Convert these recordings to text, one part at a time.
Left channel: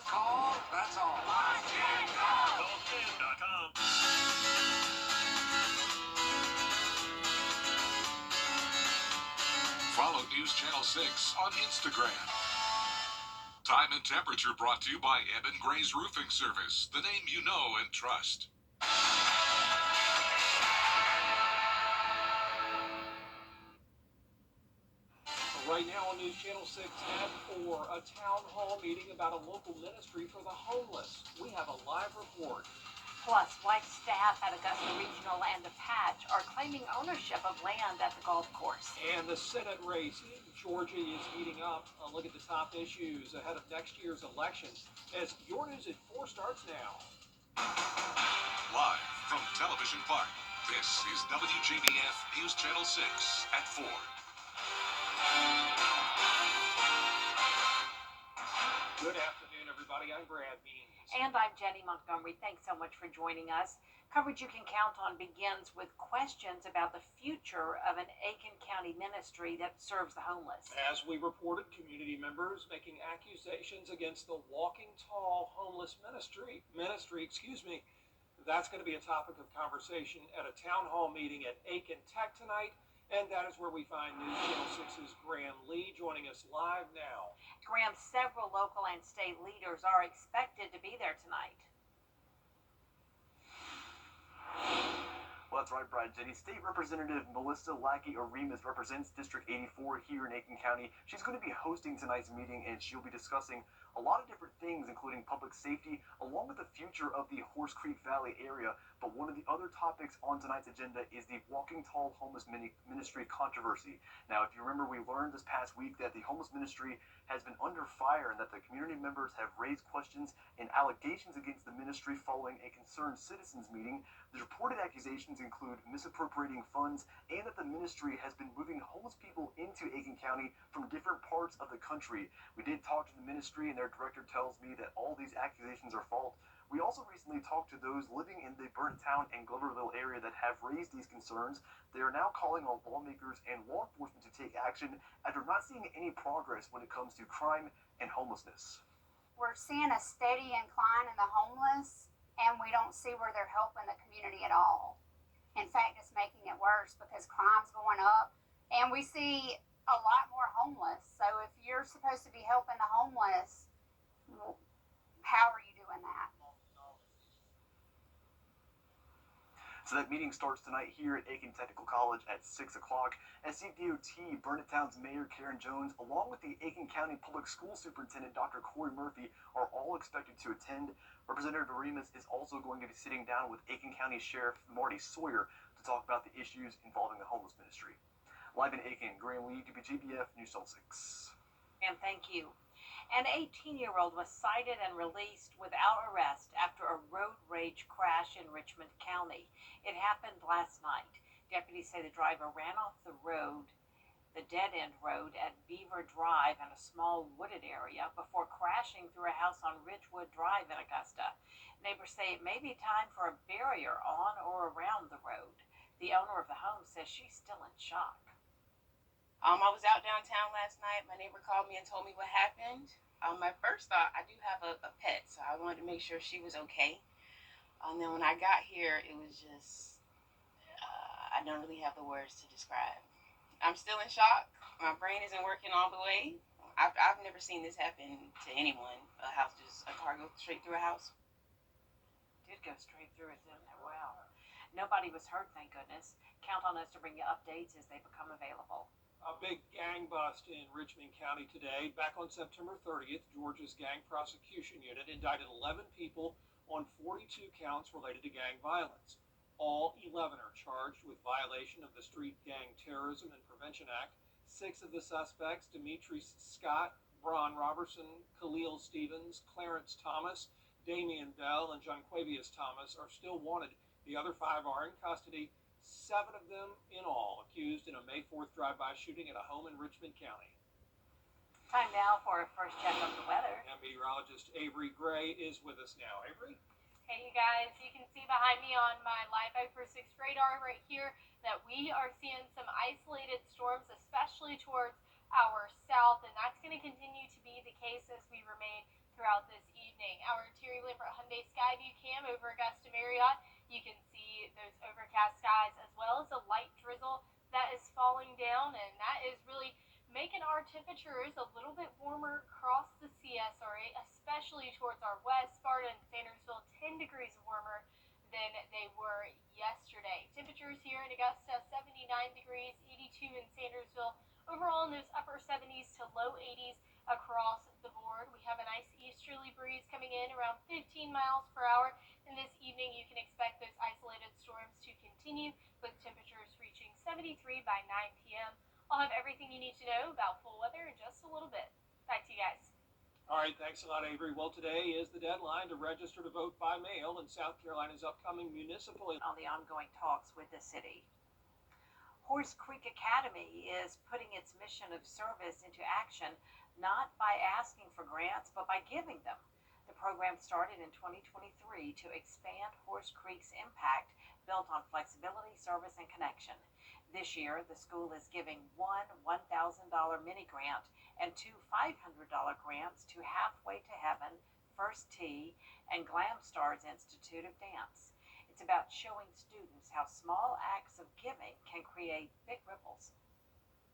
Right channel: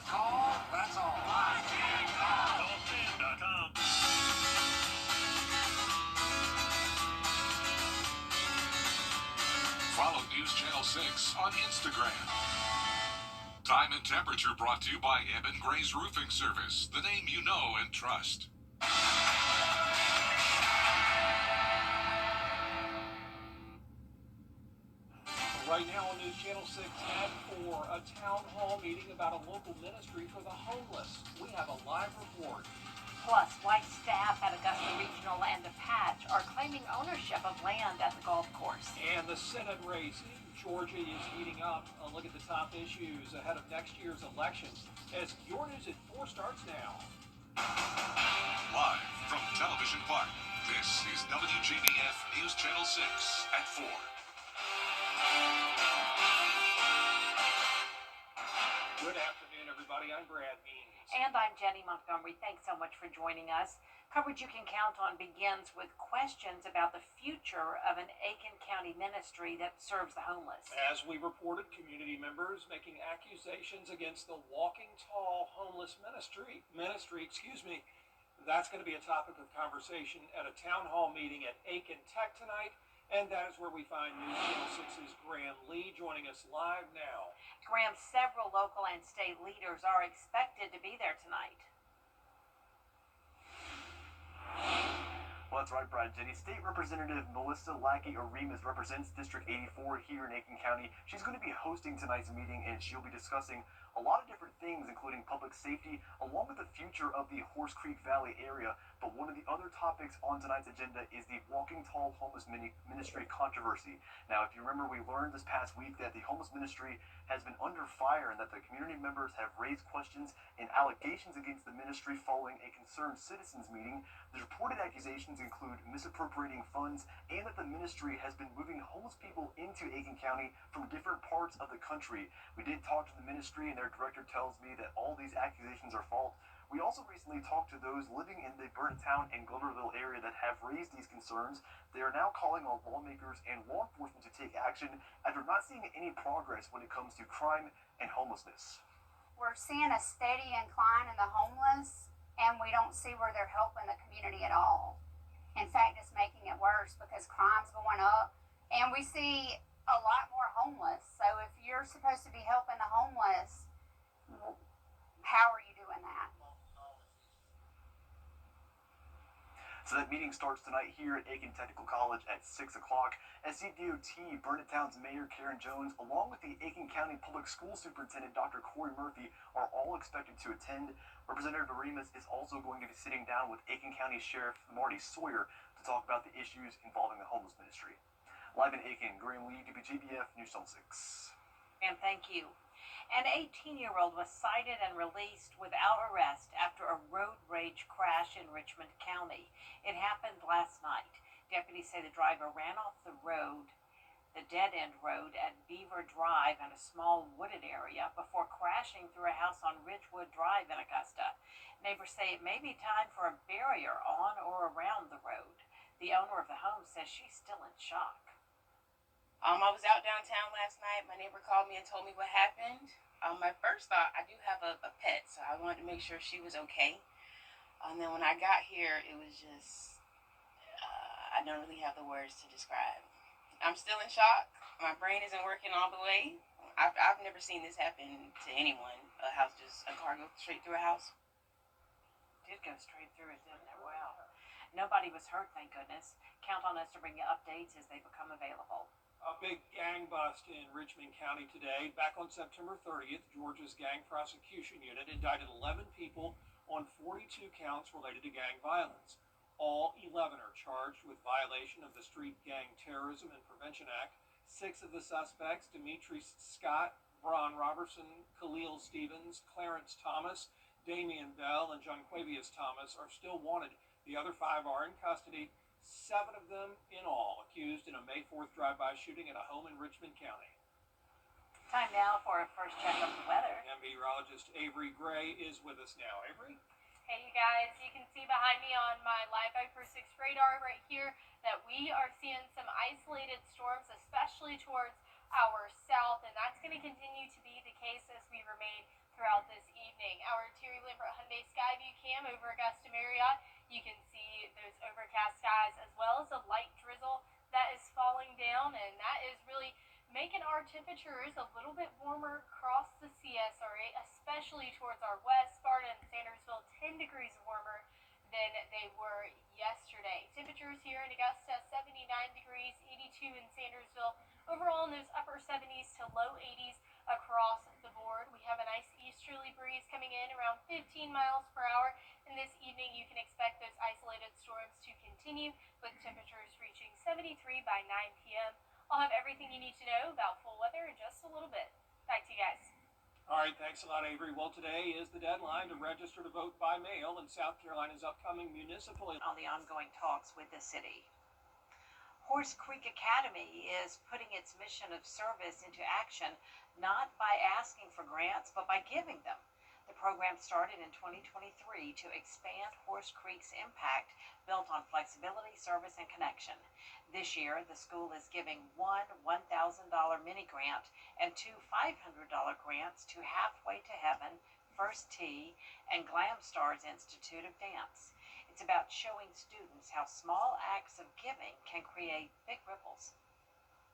One call, that's all. One can call. Call10.com. Follow News Channel 6 on Instagram. Time and temperature brought to you by Eben Gray's Roofing Service, the name you know and trust. Right now on News Channel 6 at 4, a town hall meeting about a local ministry for the homeless. We have a live report. Plus, why staff at Augusta Regional and the Patch are claiming ownership of land at the golf course. And the Senate race in Georgia is heating up. A look at the top issues ahead of next year's election as Your News at 4 starts now. Live from Television Park, this is WJBF News Channel 6 at 4. Good afternoon, everybody. I'm Brad Means. And I'm Jenny Montgomery. Thanks so much for joining us. Coverage you can count on begins with questions about the future of an Aiken County ministry that serves the homeless. As we reported, community members making accusations against the Walking Tall Homeless Ministry. That's going to be a topic of conversation at a town hall meeting at Aiken Tech tonight. And that is where we find News Channel 6's Graham Lee joining us live now. Graham, several local and state leaders are expected to be there tonight. Well, that's right, Brad. Jenny. State Representative Melissa Lackey-Arimas represents District 84 here in Aiken County. She's going to be hosting tonight's meeting, and she'll be discussing a lot of different things, including public safety, along with the future of the Horse Creek Valley area. But one of the other topics on tonight's agenda is the Walking Tall Homeless Ministry controversy. Now, if you remember, we learned this past week that the homeless ministry has been under fire and that the community members have raised questions and allegations against the ministry following a concerned citizens meeting. The reported accusations include misappropriating funds and that the ministry has been moving homeless people into Aiken County from different parts of the country. We did talk to the ministry, and their director tells me that all these accusations are false. We also recently talked to those living in the Burnetown and Gloverville area that have raised these concerns. They are now calling on lawmakers and law enforcement to take action after not seeing any progress when it comes to crime and homelessness. We're seeing a steady incline in the homeless, and we don't see where they're helping the community at all. In fact, it's making it worse because crime's going up, and we see a lot more homeless. So if you're supposed to be helping the homeless, how are you doing that? So that meeting starts tonight here at Aiken Technical College at 6 o'clock. SCDOT, Burnetown's Mayor Karen Jones, along with the Aiken County Public School Superintendent Dr. Corey Murphy, are all expected to attend. Representative Arimas is also going to be sitting down with Aiken County Sheriff Marty Sawyer to talk about the issues involving the homeless ministry. Live in Aiken, Graham Lee, WJBF News Channel 6. And thank you. An 18-year-old was cited and released without arrest after a road rage crash in Richmond County. It happened last night. Deputies say the driver ran off the road, the dead-end road at Beaver Drive in a small wooded area before crashing through a house on Ridgewood Drive in Augusta. Neighbors say it may be time for a barrier on or around the road. The owner of the home says she's still in shock. I was out downtown last night. My neighbor called me and told me what happened. My first thought, I do have a pet, so I wanted to make sure she was okay. And then when I got here, it was just, I don't really have the words to describe. I'm still in shock. My brain isn't working all the way. I've never seen this happen to anyone. A car go straight through a house. It did go straight through it, didn't it? Wow. Nobody was hurt, thank goodness. Count on us to bring you updates as they become available. A big gang bust in Richmond County today. Back on September 30th, Georgia's Gang Prosecution Unit indicted 11 people on 42 counts related to gang violence. All 11 are charged with violation of the Street Gang Terrorism and Prevention Act. 6 of the suspects, Demetrius Scott, Bron Robertson, Khalil Stevens, Clarence Thomas, Damian Bell, and Jonquavius Thomas, are still wanted. The other 5 are in custody. 7 of them in all accused in a May 4th drive-by shooting at a home in Richmond County. Time now for a first check of the weather. And meteorologist Avery Gray is with us now. Avery? Hey, you guys, you can see behind me on my Live Viper 6 radar right here that we are seeing some isolated storms, especially towards our south, and that's going to continue to be the case as we remain throughout this evening. 7-day sky view cam over Augusta Marriott, you can see those overcast skies as well as a light drizzle that is falling down, and that is really making our temperatures a little bit warmer across the CSRA, especially towards our west, Sparta and Sandersville, 10 degrees warmer than they were yesterday. Temperatures here in Augusta, 79 degrees, 82 in Sandersville, overall in those upper 70s to low 80s across the board. We have a nice easterly breeze coming in around 15 miles per hour, and this evening you can expect those isolated storms to continue with temperatures reaching 73 by 9 p.m. I'll have everything you need to know about full weather in just a little bit. Back to you guys. All right, thanks a lot, Avery. Well, today is the deadline to register to vote by mail in South Carolina's upcoming municipal On the ongoing talks with the city. Horse Creek Academy is putting its mission of service into action, not by asking for grants, but by giving them. The program started in 2023 to expand Horse Creek's impact, built on flexibility, service, and connection. This year, the school is giving one $1,000 mini grant and two $500 grants to Halfway to Heaven, First Tee, and Glam Stars Institute of Dance. It's about showing students how small acts of giving can create big ripples.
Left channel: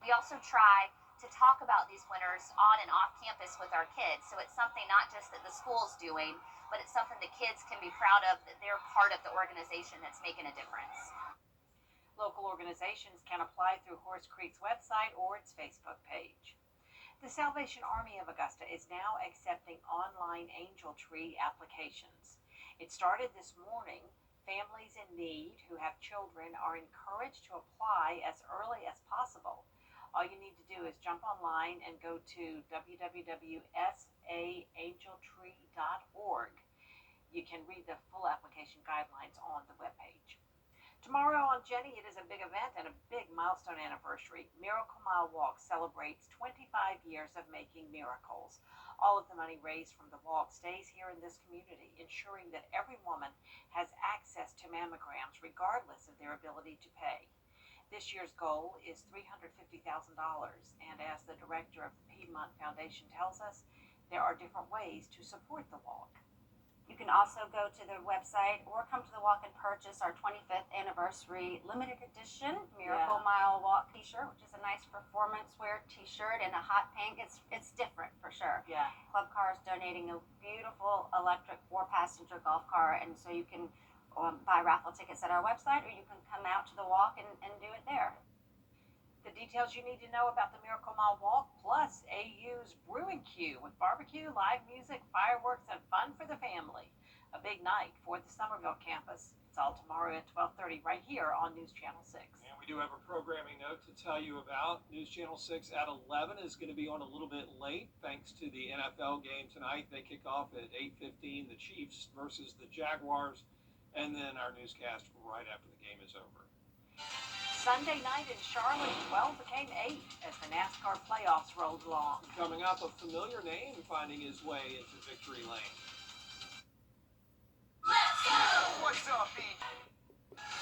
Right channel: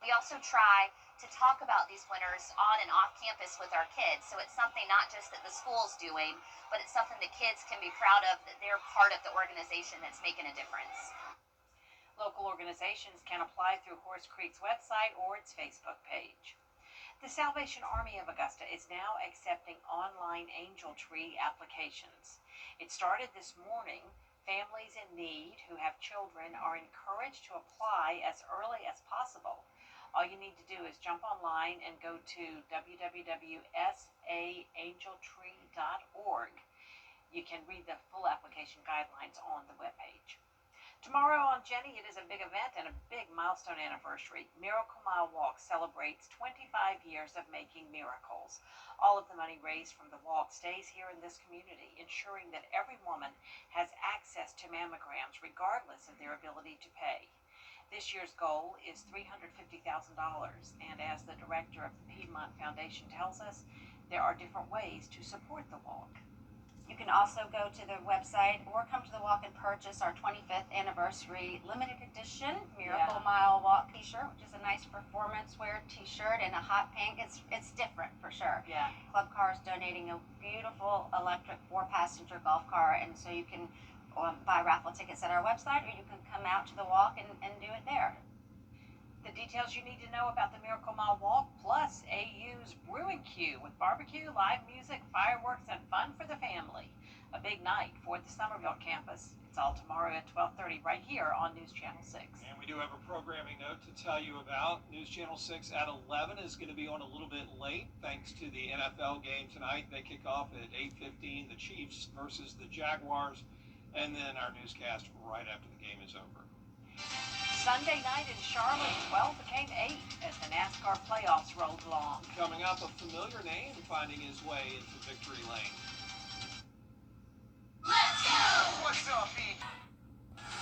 We also try to talk about these winners on and off campus with our kids. So it's something not just that the school's doing, but it's something the kids can be proud of, that they're part of the organization that's making a difference. Local organizations can apply through Horse Creek's website or its Facebook page. The Salvation Army of Augusta is now accepting online angel tree applications. It started this morning. Families in need who have children are encouraged to apply as early as possible. All you need to do is jump online and go to www.saangeltree.org. You can read the full application guidelines on the webpage. Tomorrow on Jenny, it is a big event and a big milestone anniversary. Miracle Mile Walk celebrates 25 years of making miracles. All of the money raised from the walk stays here in this community, ensuring that every woman has access to mammograms regardless of their ability to pay. This year's goal is $350,000, and as the director of the Piedmont Foundation tells us, there are different ways to support the walk. You can also go to the website or come to the walk and purchase our 25th anniversary limited edition Miracle Mile Walk t-shirt, which is a nice performance wear t-shirt in a hot pink. It's different for sure. Yeah. Club Car is donating a beautiful electric 4-passenger golf car, and so you can buy raffle tickets at our website, or you can come out to the walk and do it there. The details you need to know about the Miracle Mile Walk, plus AU's Brewing Queue with barbecue, live music, fireworks, and fun for the family. A big night for the Somerville campus. It's all tomorrow at 12:30 right here on News Channel 6. And we do have a programming note to tell you about. News Channel 6 at 11 is going to be on a little bit late thanks to the NFL game tonight. They kick off at 8:15, the Chiefs versus the Jaguars, and then our newscast right after the game is over. Sunday night in Charlotte, 12 became 8 as the NASCAR playoffs rolled along. Coming up, a familiar name finding his way into victory lane. Let's go! What's up, E?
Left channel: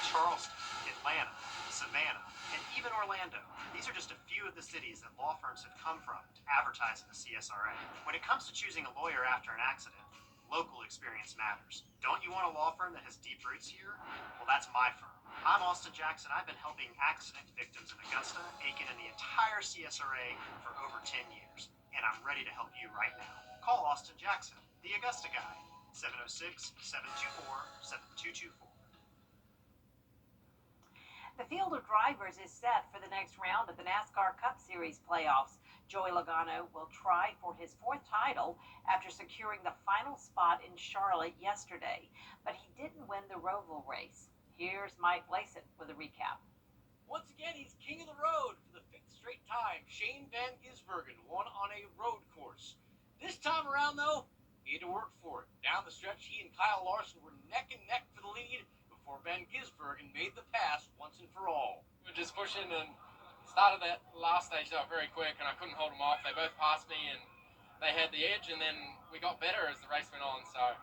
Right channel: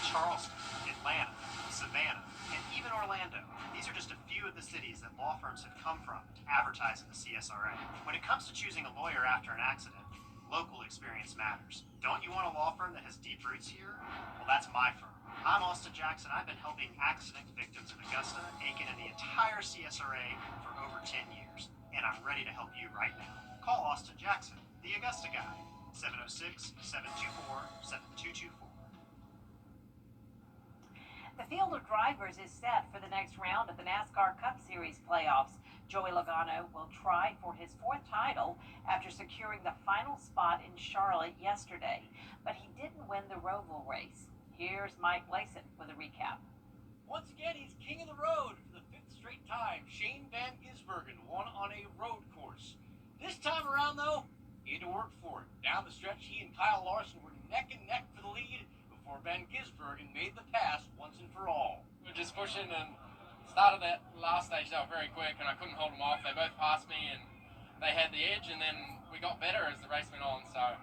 Charleston, Atlanta, Savannah, and even Orlando. These are just a few of the cities that law firms have come from to advertise in the CSRA. When it comes to choosing a lawyer after an accident, local experience matters. Don't you want a law firm that has deep roots here? Well, that's my firm. I'm Austin Jackson. I've been helping accident victims in Augusta, Aiken, and the entire CSRA for over 10 years. And I'm ready to help you right now. Call Austin Jackson, the Augusta guy, 706-724-7224. The field of drivers is set for the next round of the NASCAR Cup Series playoffs. Joey Logano will try for his 4th title after securing the final spot in Charlotte yesterday, but he didn't win the Roval race. Here's Mike Blasett with a recap. Once again, he's king of the road for the 5th straight time. Shane Van Gisbergen won on a road course. This time around, though, he had to work for it. Down the stretch, he and Kyle Larson were neck and neck for the lead before Van Gisbergen made the pass once and for all. We were just pushing and started that last stage out very quick, and I couldn't hold them off. They both passed me, and they had the edge, and then we got better as the race went on. So,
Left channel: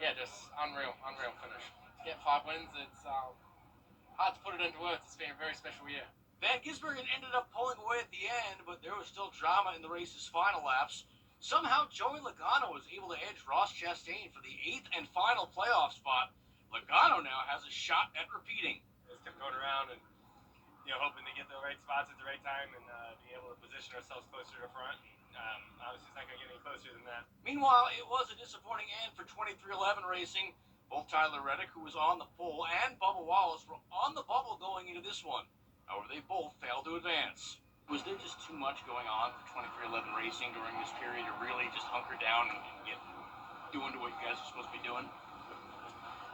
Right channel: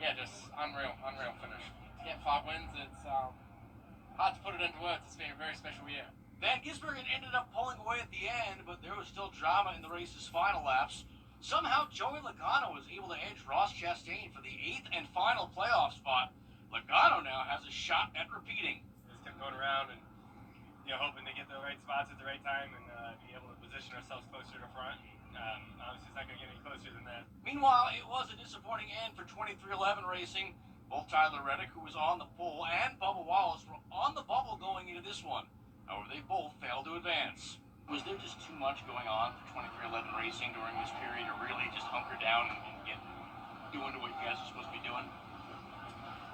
yeah, just unreal finish. Get 5 wins, it's hard to put it into words. It's been a very special year. Van Gisbergen ended up pulling away at the end, but there was still drama in the race's final laps. Somehow, Joey Logano was able to edge Ross Chastain for the 8th and final playoff spot. Logano now has a shot at repeating. Just kept going around and hoping to get the right spots at the right time and be able to position ourselves closer to front. Obviously, it's not going to get any closer than that. Meanwhile, it was a disappointing end for 2311 Racing. Both Tyler Reddick, who was on the pole, and Bubba Wallace were on the bubble going into this one. However, they both failed to advance. Was there just too much going on for 2311 Racing during this period to really just hunker down and get doing to what you guys are supposed to be doing?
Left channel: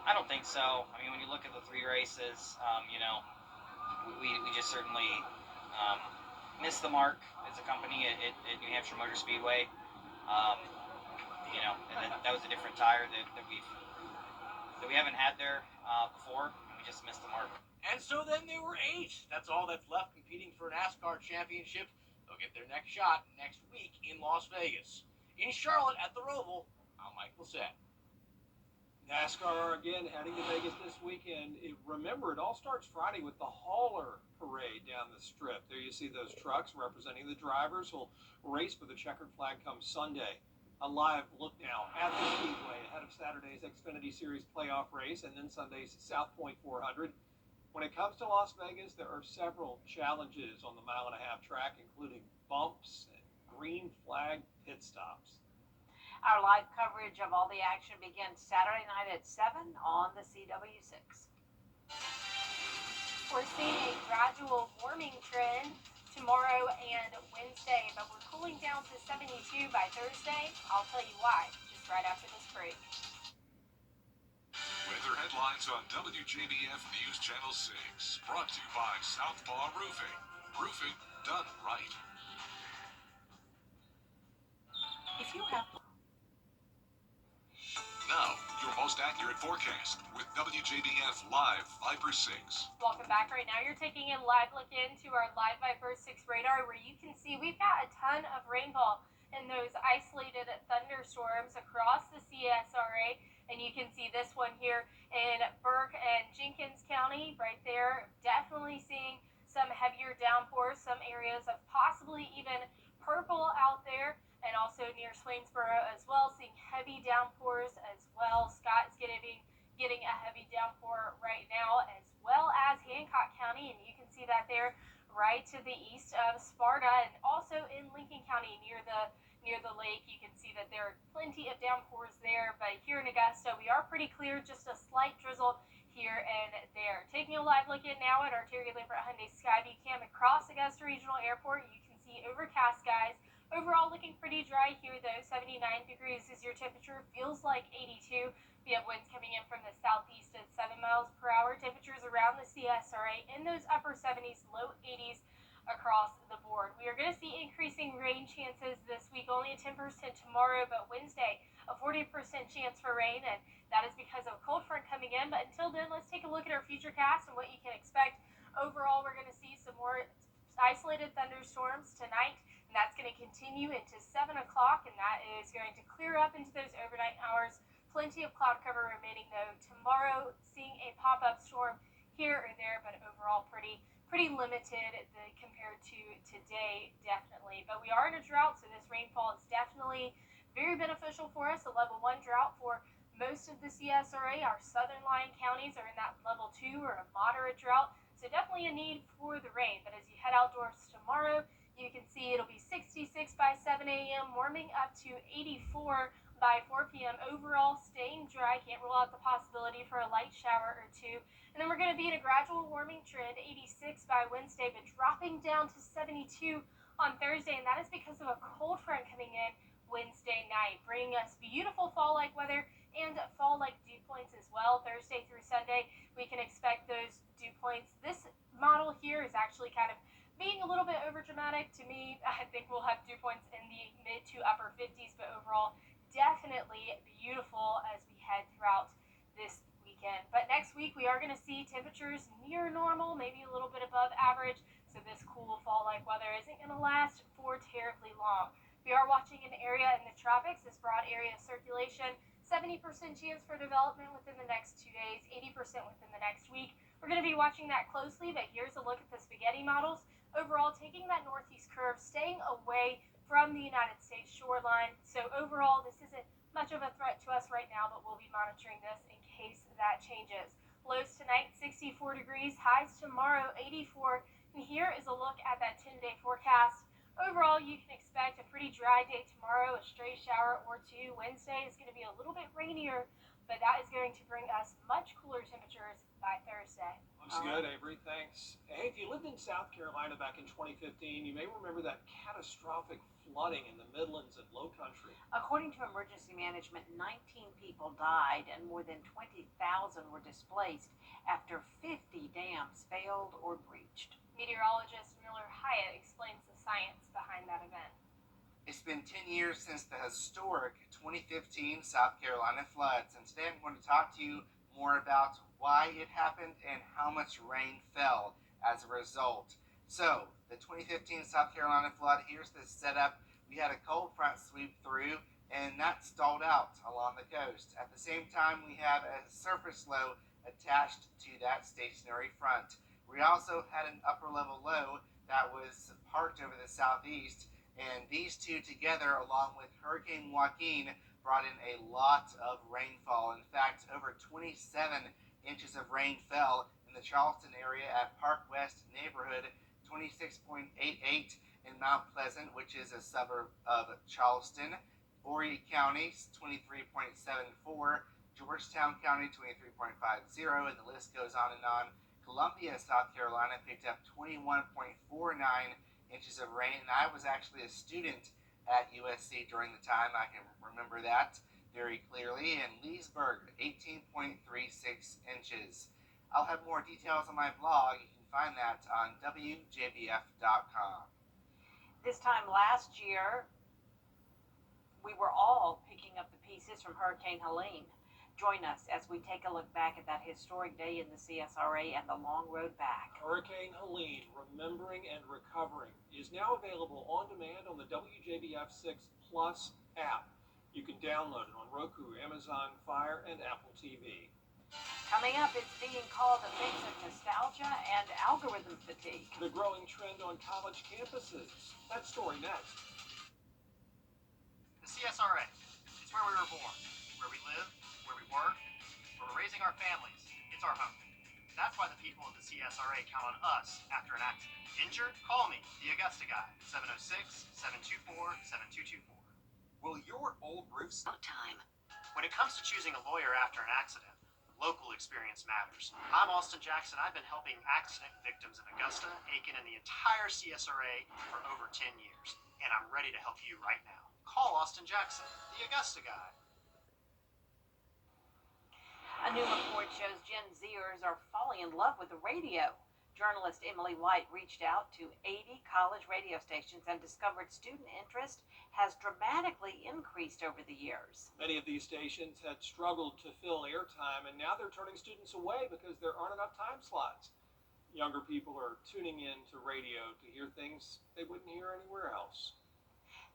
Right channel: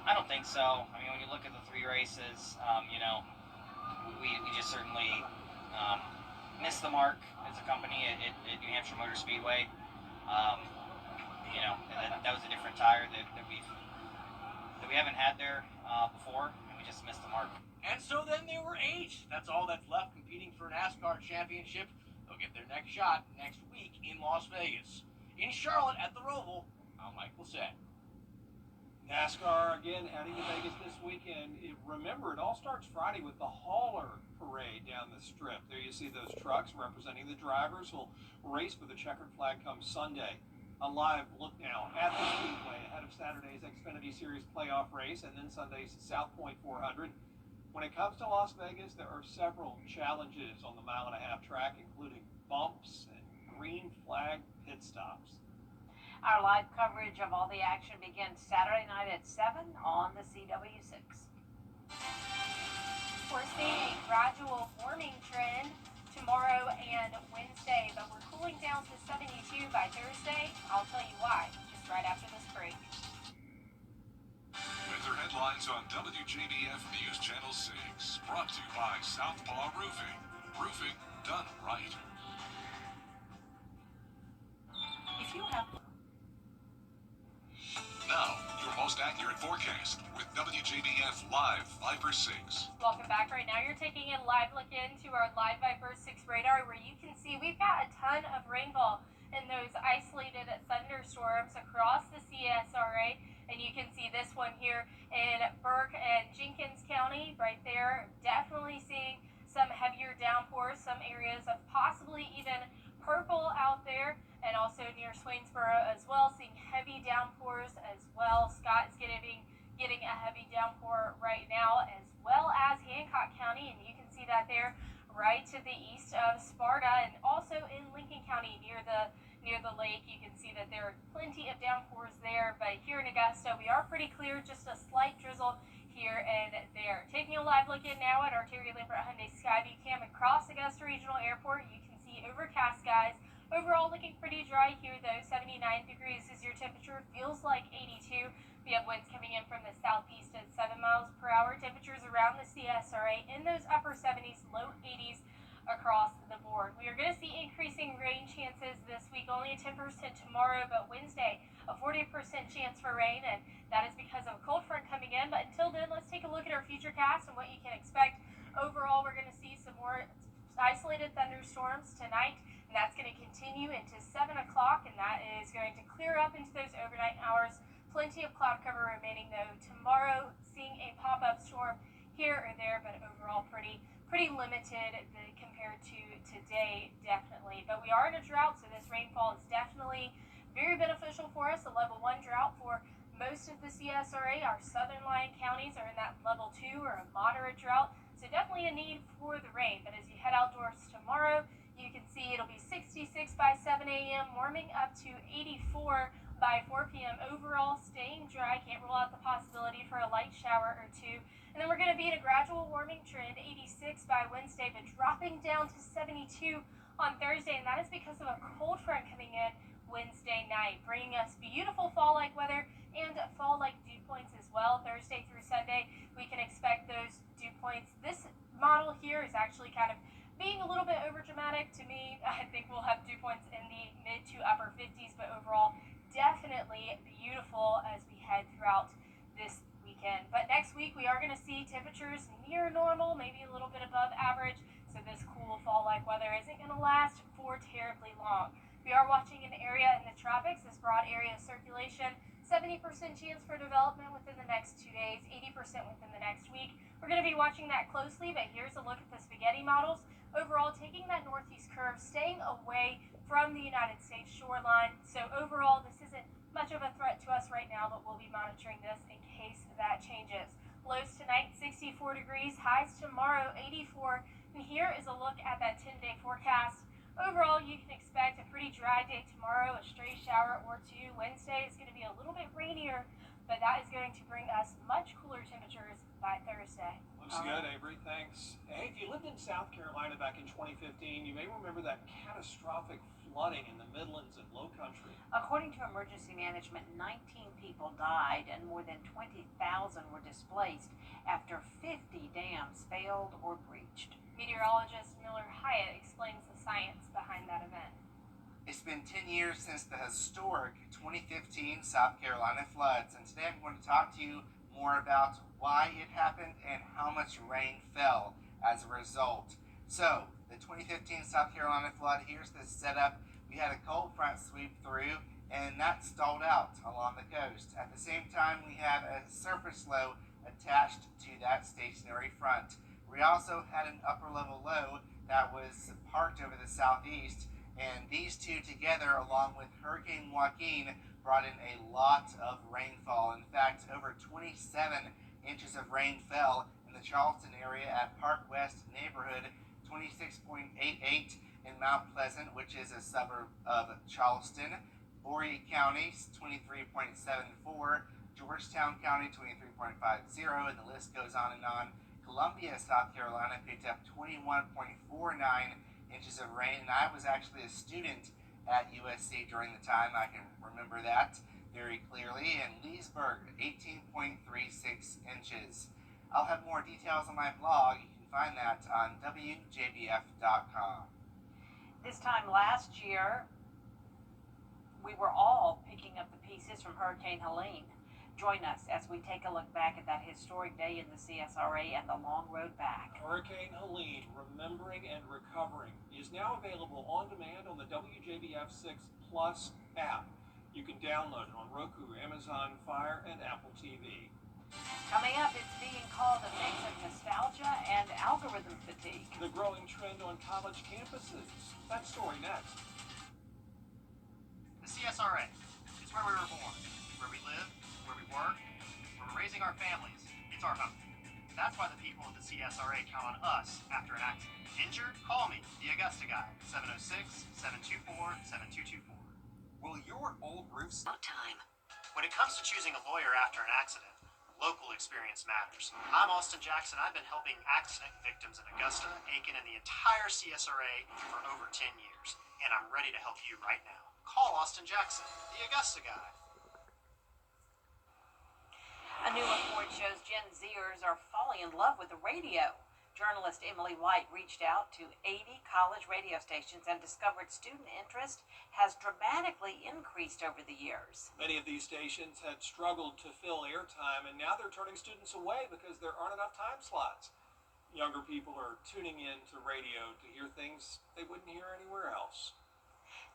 I don't think so. I mean, when you look at the 3 races, we just certainly missed the mark as a company at New Hampshire Motor Speedway. And that was a different tire that we haven't had there before, and we just missed the mark. And so then there were 8. That's all that's left competing for a NASCAR championship. They'll get their next shot next week in Las Vegas. In Charlotte at the Roval, I'm Michael Satt. NASCAR again heading to Vegas this weekend. Remember, it all starts Friday with the hauler parade down the strip. There you see those trucks representing the drivers who'll race for the checkered flag come Sunday. A live look now at the Speedway ahead of Saturday's Xfinity Series playoff race and then Sunday's South Point 400. When it comes to Las Vegas, there are several challenges on the mile-and-a-half track, including bumps and green flag pit stops. Our live coverage of all the action begins Saturday night at 7 on the CW6. We're seeing a gradual warming trend tomorrow and Wednesday, but we're cooling down to 72 by Thursday. I'll tell you why, just right after this break. Weather headlines on WJBF News Channel 6. Brought to you by Southpaw Roofing. Roofing done right. If you have Now, your most accurate forecast with WJBF Live Viper 6. Welcome back. Right now you're taking a live look into our Live Viper 6 radar where you can see we've got a ton of rainfall in those isolated thunderstorms across the CSRA. And you can see this one here in Burke and Jenkins County right there. Definitely seeing some heavier downpours, some areas of possibly even purple out there, and also near Swainsboro as well, seeing heavy downpours as well. Scott is getting a heavy downpour right now, as well as Hancock County, and you can see that there right to the east of Sparta, and also in Lincoln County near the lake. You can see that there are plenty of downpours there, but here in Augusta we are pretty clear, just a slight drizzle here and there. Taking a live look in now at our Terry Lambert Hyundai Skyview cam across Augusta Regional Airport, you can see overcast skies. Overall looking pretty dry here though. 79 degrees is your temperature, feels like 82. We have winds coming in from the southeast at 7 miles per hour. Temperatures around the CSRA in those upper 70s, low 80s across the board. We are going to see increasing rain chances this week, only a 10% tomorrow, but Wednesday a 40% chance for rain, and that is because of a cold front coming in. But until then, let's take a look at our futurecast and what you can expect. Overall, we're going to see some more isolated thunderstorms tonight, and that's going to continue into 7 o'clock, and that is going to clear up into those overnight hours. Plenty of cloud cover remaining though. Tomorrow, seeing a pop-up storm here or there, but overall pretty limited compared to today, definitely. But we are in a drought, so this rainfall is definitely very beneficial for us. A level 1 drought for most of the CSRA. Our southern lying counties are in that level 2 or a moderate drought, so definitely a need for the rain. But as you head outdoors tomorrow, you can see it'll be 66 by 7 a.m., warming up to 84 by 4 p.m. Overall, staying dry. Can't rule out the possibility for a light shower or two. And then we're going to be in a gradual warming trend, 86 by Wednesday, but dropping down to 72 on Thursday. And that is because of a cold front coming in Wednesday night, bringing us beautiful fall-like weather and fall-like dew points as well. Thursday through Sunday, we can expect those dew points. This model here is actually kind of being a little bit overdramatic to me. I think we'll have dew points in the mid to upper 50s, but overall, definitely beautiful as we head throughout this weekend. But next week, we are going to see temperatures near normal, maybe a little bit above average, so this cool fall-like weather isn't going to last for terribly long. We are watching an area in the tropics, this broad area of circulation, 70% chance for development within the next 2 days, 80% within the next week. We're going to be watching that closely, but here's a look at the spaghetti models. Overall, taking that northeast curve, staying away from the United States shoreline. So overall, this isn't much of a threat to us right now, but we'll be monitoring this in case that changes. Lows tonight, 64 degrees, highs tomorrow, 84. And here is a look at that 10-day forecast. Overall, you can expect a pretty dry day tomorrow, a stray shower or two. Wednesday is going to be a little bit rainier, but that is going to bring us much cooler temperatures by Thursday. Looks good, Avery. Thanks. Hey, if you lived in South Carolina back in 2015, you may remember that catastrophic flooding in the Midlands and Low Country. According to emergency management, 19 people died and more than 20,000 were displaced after 50 dams failed or breached. Meteorologist Miller Hyatt explains the science behind that event. It's been 10 years since the historic 2015 South Carolina floods, and today I'm going to talk to you more about why it happened and how much rain fell as a result. So, the 2015 South Carolina flood, here's the setup. We had a cold front sweep through, and that stalled out along the coast. At the same time, we had a surface low attached to that stationary front. We also had an upper level low that was parked over the southeast, and these two together, along with Hurricane Joaquin, brought in a lot of rainfall. In fact, over 27 inches of rain fell in the Charleston area at Park West neighborhood, 26.88 in Mount Pleasant, which is a suburb of Charleston, Horry County, 23.74, Georgetown County, 23.50, and the list goes on and on. Columbia, South Carolina picked up 21.49 inches of rain, and I was actually a student at USC during the time. I can remember that very clearly. And Leesburg, 18.36 inches. I'll have more details on my blog. You can find that on WJBF.com. This time last year, we were all picking up the pieces from Hurricane Helene. Join us as we take a look back at that historic day in the CSRA and the long road back. Hurricane Helene, Remembering and Recovering, is now available on demand on the WJBF 6 Plus app. You can download it on Roku, Amazon Fire, and Apple TV. Coming up, it's being called a mix of nostalgia and algorithm fatigue. The growing trend on college campuses. That story next. The CSRA, it's where we were born, where we live, where we work, where we're raising our families. It's our home. That's why the people of the CSRA count on us after an accident. Injured? Call me, the Augusta guy, 706-724-7224. Will your old roofs... Time. When it comes to choosing a lawyer after an accident, local experience matters. I'm Austin Jackson. I've been helping accident victims in Augusta, Aiken, and the entire CSRA for over 10 years, and I'm ready to help you right now. Call Austin Jackson, the Augusta guy. A new report shows Gen Zers are falling in love with the radio. Journalist Emily White reached out to 80 college radio stations and discovered student interest has dramatically increased over the years. Many of these stations had struggled to fill airtime, and now they're turning students away because there aren't enough time slots. Younger people are tuning in to radio to hear things they wouldn't hear anywhere else.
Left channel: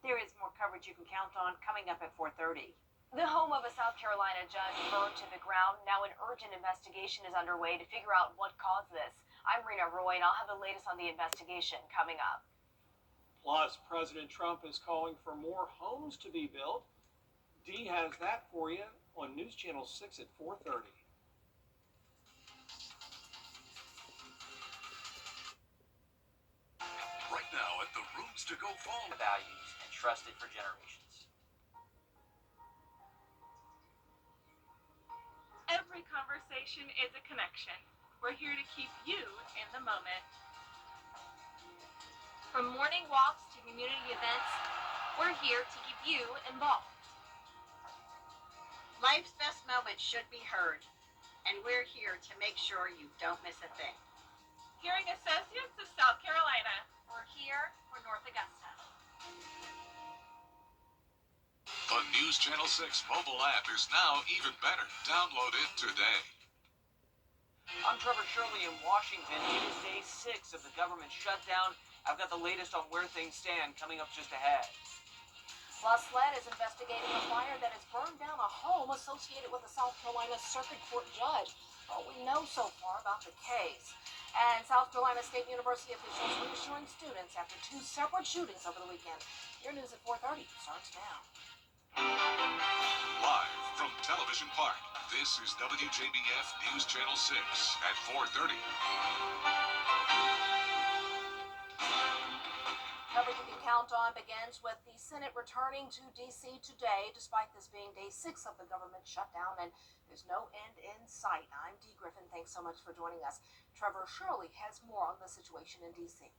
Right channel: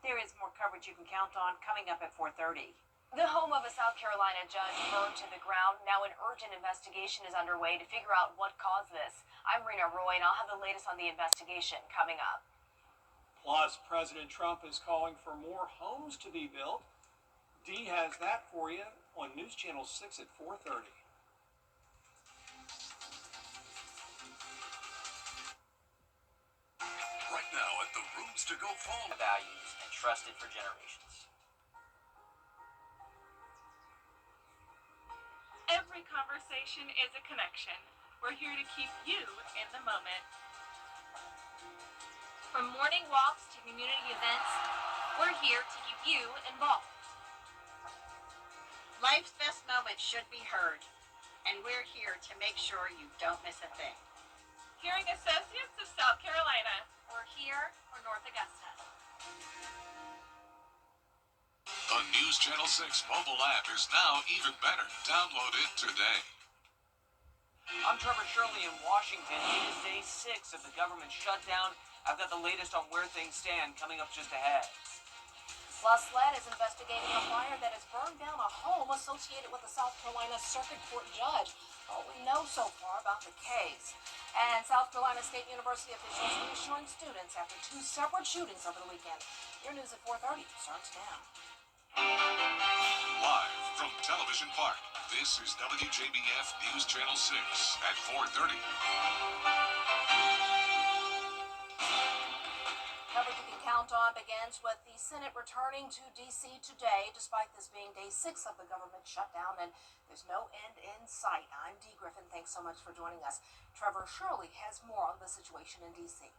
There is more coverage you can count on coming up at 4:30. The home of a South Carolina judge burned to the ground. Now an urgent investigation is underway to figure out what caused this. I'm Rena Roy, and I'll have the latest on the investigation coming up. Plus, President Trump is calling for more homes to be built. Dee has that for you on News Channel 6 at 4:30. Right now at the Rooms to Go phone. Values and trusted for generations. Every conversation is a connection. We're here to keep you in the moment. From morning walks to community events, we're here to keep you involved. Life's best moments should be heard, and we're here to make sure you don't miss a thing. Hearing Associates of South Carolina. We're here for North Augusta. The News Channel 6 mobile app is now even better. Download it today. I'm Trevor Shirley in Washington. It is day 6 of the government shutdown. I've got the latest on where things stand coming up just ahead. Plus, SLED is investigating a fire that has burned down a home associated with a South Carolina Circuit Court judge. All we know so far about the case. And South Carolina State University officials reassuring students after 2 separate shootings over the weekend. Your news at 4:30 starts now. Live from Television Park, this is WJBF News Channel 6 at 4:30. Coverage you can count on begins with the Senate returning to D.C. today, despite this being day 6 of the government shutdown, and there's no end in sight. I'm Dee Griffin. Thanks so much for joining us. Trevor Shirley has more on the situation in D.C.